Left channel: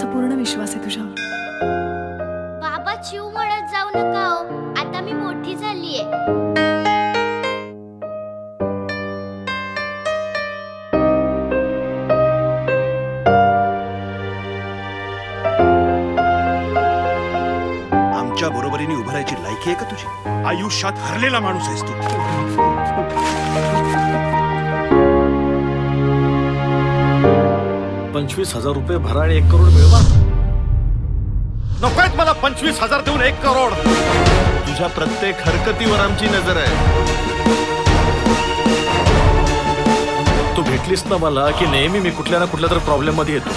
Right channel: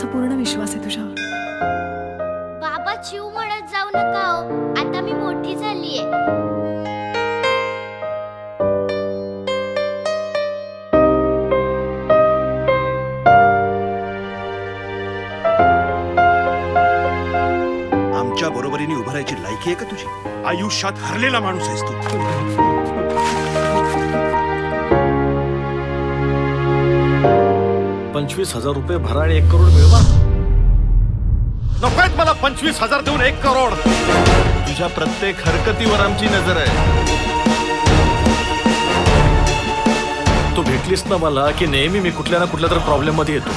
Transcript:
माझा पूर्ण विश्वास आहे तुझ्यावर. बाबा चिव म्हणत जाऊ नका हो, आता मी मोठी झालीये. आमच्या बरोबरीने उभं राहायची लायकी आहे का तुझी? आयुष्यात हरलेला माणूस आहेस तू. 25,000 रुपये भरा आणि 1 करोड मिळवा. नकोयत मला 25,000 देऊन 1 करोड. तुझ्या प्रत्येक हरकतीवर आमची नजर आहे. तू भेटलीस ना मला की नेहमी मी कुठल्या ना कुठल्या तर प्रॉब्लेम मध्ये येतो.